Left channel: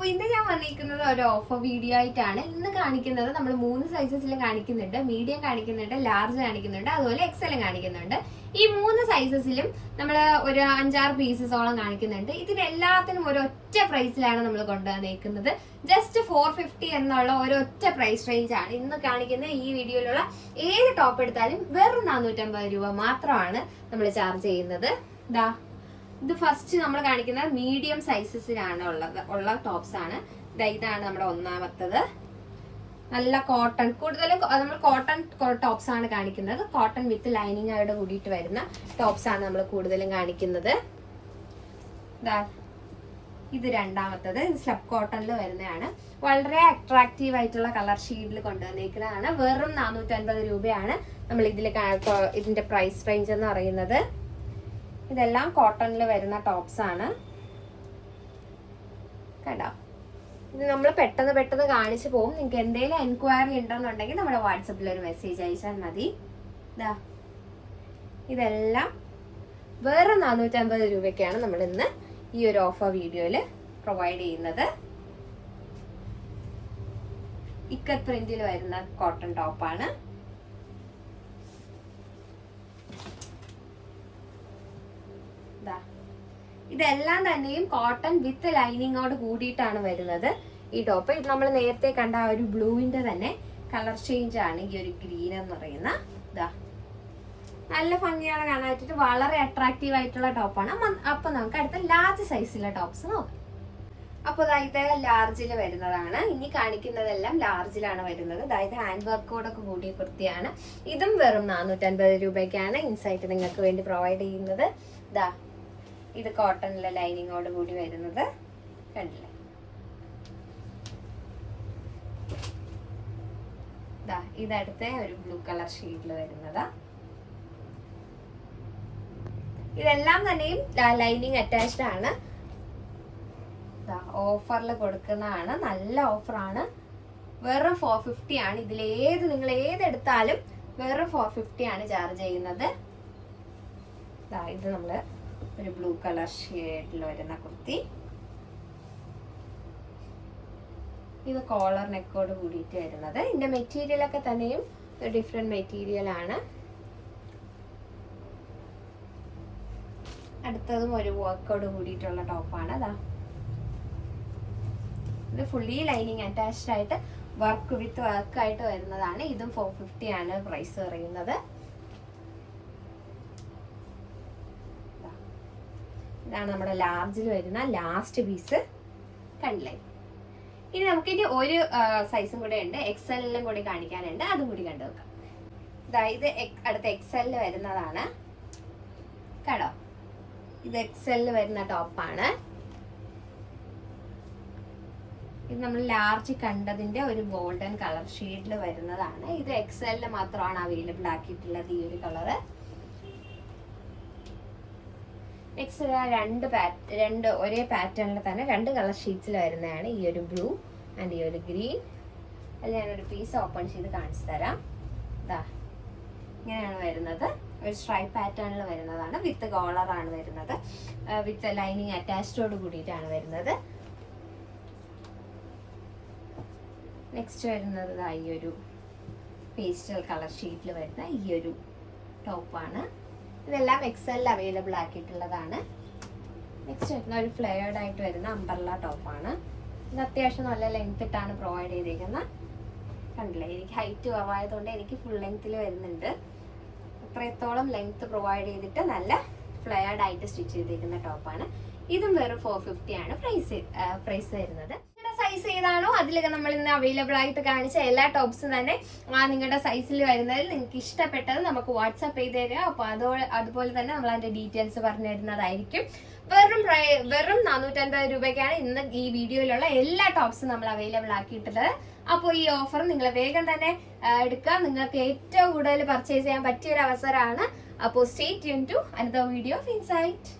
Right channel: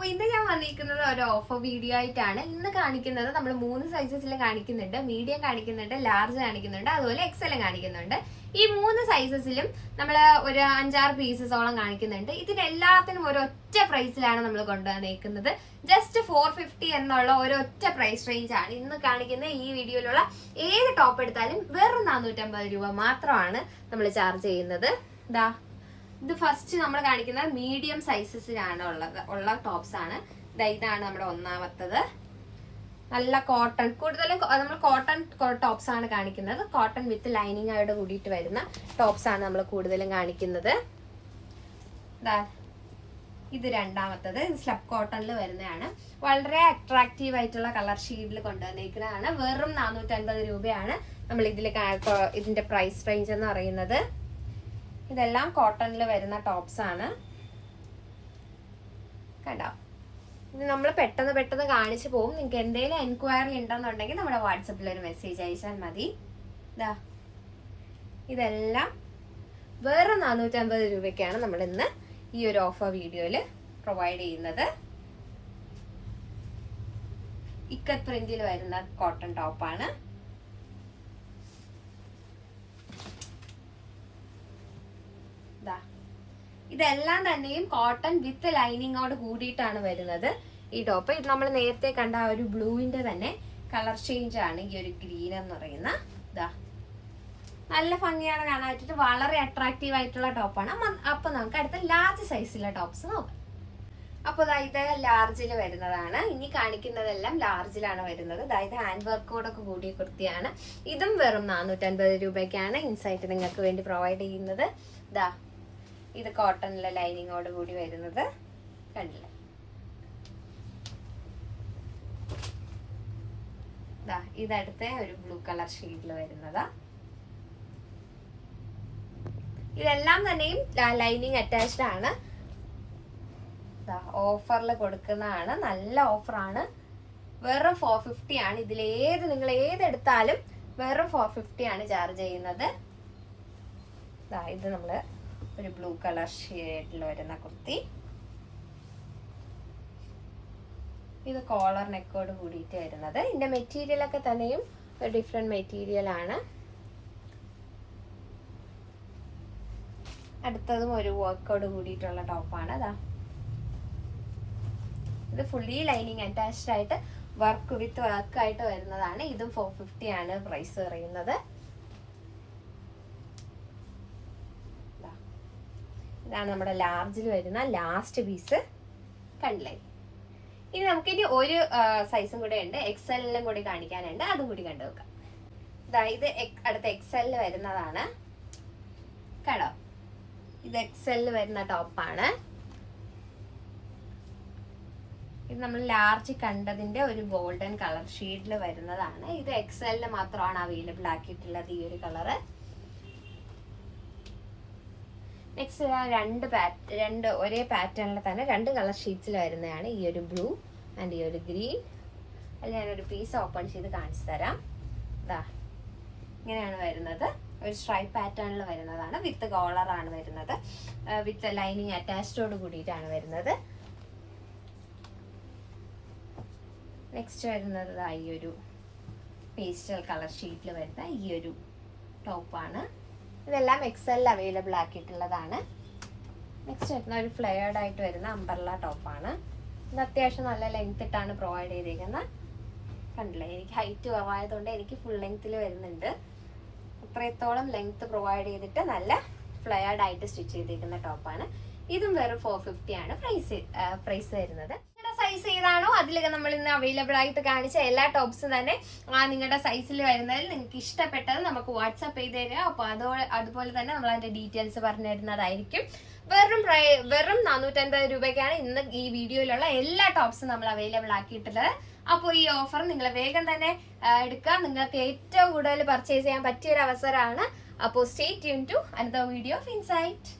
അപ്പോൾ ഇന്ന് ഞാൻ വന്നിരിക്കുന്നത് ഒരു ഓഫർ വീഡിയോ ആയിട്ടാണ്. ഇന്ന് കാണിക്കുന്നത് നമ്മൾ 3 സൈസസിൽ കാണിക്കുന്നുണ്ട്. മീഡിയം കാണിക്കുന്നുണ്ട്, ലാർജ് കാണിക്കുന്നുണ്ട്, അതുപോലെ എക്സലും കാണിക്കുന്നുണ്ട്. ഈ 3 സൈസസിലും നമ്മൾ ഒരു 5-6 പീസസോളം കാണിക്കുന്നുണ്ട്. ഇതിനെല്ലാത്തിനും ഒരൊറ്റ പ്രൈസിലാണ് നമ്മൾ കൊണ്ടുവന്നേക്കുന്നത്. ജസ്റ്റ് 450 എന്നുള്ള ഒരൊറ്റ പ്രൈസ് റേഞ്ച് ആണ് ഇന്ന് കാണിക്കുന്ന ഈ വീഡിയോയിലുള്ള ഏത് ടോപ്പ് എടുത്താലും വെറും 450 രൂപ മാത്രമാണ് നമ്മൾ ചാർജ് ചെയ്യുന്നത്. ഇത് ഫസ്റ്റ് നമ്മൾ കാണിക്കുന്നത് മീഡിയം സൈസസിലാണ് ഉള്ള ടോപ്സ് ആണ്. ഇതാണ് നമ്മുടെ ഒന്നാമത്തത്. നല്ല കോട്ടൺ, കൂടുതലും നമ്മൾ കോട്ടൺ ടോപ്സ് ആണ് കാണിക്കുന്നത്. കോട്ടൺ വിത്ത് ലൈനിങ് ആയിട്ട് കൂടിയിട്ട് വരുന്ന ടോപ്സ് ആണ് നമ്മൾ കൂടുതലും കാണിക്കുന്നത്. ഇത് രണ്ടാമത്തത് സ്ലബ് കോട്ടണിൽ വരുന്നതാണ്. വളരെ അട്രാക്റ്റീവ് ആയിട്ടുള്ള കളർ ഷീഡിൽ കൊണ്ടുവന്നിരിക്കുന്നതാണ്. വെറും 450 രൂപയാണ് നമ്മൾ ഇതിന്റെ പ്രൈസ് റേഞ്ച് എന്ന് പറയുന്നത്. ഇതെല്ലാം കോട്ടണിൽ വരുന്ന ടോപ്സ് ആണ്. കണ്ടോ, ഇത് നമ്മൾ പെട്ടെന്ന് കാണിച്ചു പോകും. നിങ്ങൾക്ക് എന്തെങ്കിലും എൻക്വയറി ഉണ്ടെന്നുണ്ടെങ്കിൽ നമ്മുടെ വാട്സപ്പിൽ ഒരു മെസ്സേജ് അയച്ചാൽ മതി. ഇതെല്ലാം വേറെ 450 രൂപയ്ക്കാണ് നമ്മൾ ഇന്ന് ഈ ഒരു ഓഫർ വീഡിയോയിൽ പ്രൊവൈഡ് ചെയ്യുന്നത്. ഇക്കത്ത് പ്രിന്റിൽ വരുന്ന കോട്ടൺ ടോപ്പാണ്. ഇതെല്ലാം തന്നെയും കോട്ടൺ വിത്ത് ലൈനിങ്ങോട് കൂടിയിട്ടാണ് വരുന്നത് ഈ ടോപ്പ്. ഇത് നമ്മൾ നേരത്തെ കണ്ട ഒരു ബ്ലൂവിന്റെ തന്നെ കളർ ചേഞ്ച് ആണ് ഈ ഒരു ഗ്രീൻ എന്ന് പറയുന്ന. നല്ല ഭംഗിയാണ് കാണാൻ പറ്റിയിട്ട്, വളരെ അട്രാക്റ്റീവ് ആയിട്ടുള്ള ടോപ്പാണ്. അപ്പൊ നമുക്ക് അടുത്ത ലാർജ് സൈസിലെ ടോപ്സ് നോക്കാം. അപ്പോൾ ഇത് ലാർജിൽ വരുന്നതാണ്. ഇനി കാണിക്കുന്നതെല്ലാം ലാർജിലാണ് വരുന്നത്. അതായത് ഹാൻഡ് വർക്കോടൊക്കെ കൂടിയ കുർത്തിയാണ്. ഇതും വെറും 450 രൂപയ്ക്കാണ് ഇൻസൈറ്റ് നിങ്ങൾക്ക് വേണ്ടി പ്രൊവൈഡ് ചെയ്യുന്നത്. ഇത് കോട്ടണിലെ ലൈനിങ്ങോട് കൂടി വരുന്നത് കണ്ടില്ലേ. ഇതടുത്ത ഒരു ബ്ലൂ കളർ ഷെയ്ഡിൽ വരുന്നതാ. ഇതെല്ലാം തന്നെയും ലൈനിങ് അറ്റാച്ച്ഡ് ആണ്. ഓഫറിൽ കൊടുക്കുന്നതാണ്. നല്ല ഓഫറാണ്. വെറും 450 ആണ്. നിങ്ങൾ ഏതെടുത്താലും വെറും 450 ആണ് ചാർജ് ചെയ്യുന്നത്. ഇത് നമ്മള് ഒരു ബ്ലൂ കളർ ഷെയ്ഡിൽ വരുന്ന കുർത്തി. ഇത് കോളർ നെക്കോട് കൂടിയിട്ട് വരുന്നത്. ഇതിന്റെ മെറ്റീരിയൽ ഒക്കെ തന്നെയും ഡിഫറെന്റ് മെറ്റീരിയൽ ആണ്. അടുത്തതും ഒരു വർക്കോട് കൂടിയിട്ടുള്ള ടോപ്പാണ്. ഇത് ഫുള്ളി ലൈനിങ് അറ്റാച്ച്ഡ് ആയിട്ട് വർക്ക് വിത്ത് വർക്ക് ആയിട്ട് വരുന്നതാണ്. ഇതും 450 ആണ് പ്രൈസ് പറയുന്നത്. ഇതാണ് നമ്മുടെ ലാർജിൽ വരുന്ന ലാസ്റ്റ് പീസ്. കണ്ടില്ലേ. ഇനി നമുക്കിനി ഒരു സൈസും കൂടെ ഉണ്ട്, എക്സലിലും കൂടി കാണിക്കാനുണ്ട്. അതും കൂടി കണ്ടു നോക്കാം. ഇത് അടുത്ത എക്സലിൽ വരുന്നതാണ്. കേട്ടോ, ഇത് എക്സലിൽ വരുന്ന ടോപ്പാണ്. ഇത് നമ്മൾ ലാർജ് കണ്ടതിന്റെ ഒരു ഗോൾഡൻ കളർ ഷെയ്ഡിൽ വരുന്നതാണ്. ഇത് എക്സലിൽ മാത്രമാണ് അവൈലബിൾ ആക്കിയിട്ടുള്ളത് ഈ ഒരു കളറ്. നെക്സ്റ്റ് രണ്ട് ഒരേ പാറ്റേണിൽ തന്നെ 2 കളർ ഷീറ്റ്സിൽ വരുന്നതാണ്. ഈ ഒരു ബ്ലൂ ആൻഡ് ഈ ഒരു ഗ്രീൻ. അതിൽ ഞാനൊരു പീസ് ഓപ്പൺ ചെയ്ത് കാണിച്ചു തരാം. ഇങ്ങനെയാണ് വരുന്നത്. ഒരു സ്ട്രൈപ്പ് പാറ്റേണിൽ വരുന്നതാണ്. വിത്ത് കോളർ ആണ് വരുന്നത്. വിത്ത് ലൈനിങ് അറ്റാച്ച്ഡോട് കൂടിയിട്ടാണ് വരുന്നത്. നെക്സ്റ്റ് വരുന്നത് ഈ ഒരു പേസ്റ്റൽ കളർ ഷീറ്റിൽ വരുന്ന ഈ ഒരു ടോപ്പാണ്. ഇതെല്ലാം എക്സലിൽ അവൈലബിൾ ആക്കിയിട്ടുള്ളതാണ്. നെക്സ്റ്റ് വരുന്ന ഒരു ഫ്ലെയർഡ് ആയിട്ട് വരുന്ന അംബർല ടോപ്പാണ്. ഇത് അത്യാവശ്യം നല്ല ലെങ്ത് ഇട്ടാണ് പ്രൊവൈഡ് ചെയ്തിരിക്കുന്നത്. കണ്ടില്ലേ, എനിക്ക് ഹൈറ്റ് കുറവായതുകൊണ്ട് എനിക്ക് ഫുൾ ലെങ്ത്തിൽ വരുന്നുണ്ട്. അത്രത്തോളം ലെങ്ത് പ്രൊവൈഡ് ചെയ്തിട്ട് നല്ല ഫ്ലെയർഡ് ആയിട്ട് സ്റ്റിച്ച് ചെയ്തിരിക്കുന്ന ടോപ്പാണ്. ഇതും വെറും 450 ആണ് പ്രൈസ് വരുന്നത്. സൈസ് ഏതാണോ അതിലൊക്കെ നമ്മൾ ഇന്ന് അവൈലബിൾ ആയിട്ട് കാണിച്ച എല്ലാ ടോപ്സും തന്നെ നിങ്ങളുടെ സൈസിൽ വരുന്നതിൽ നിങ്ങൾക്ക് ഇഷ്ടപ്പെട്ടത് നമുക്ക് വാട്സാപ്പ് ചെയ്ത് തരിക. അപ്പോൾ അതുപോലെ തന്നെ നമ്മൾ അതിന്റെ ഡീറ്റെയിൽസ് പറഞ്ഞു തരുന്നതായിരിക്കും. വെറും 450 രൂപയ്ക്കാണ് ഇന്ന് ഈ വീഡിയോയിലുള്ള എല്ലാ ടോപ്സും നമ്മൾ അവൈലബിൾ ആക്കിയിട്ടുള്ളത്. അപ്പോൾ ഈ ഓഫർ നിങ്ങൾ വേഗം തന്നെ എടുക്കുക. നിങ്ങൾക്ക് ഏറ്റവും കൂടുതൽ പർച്ചേസ് ചെയ്യാൻ പറ്റിയ ഒരു അവസരമാണ്. അപ്പോൾ stay tune to another video of insight.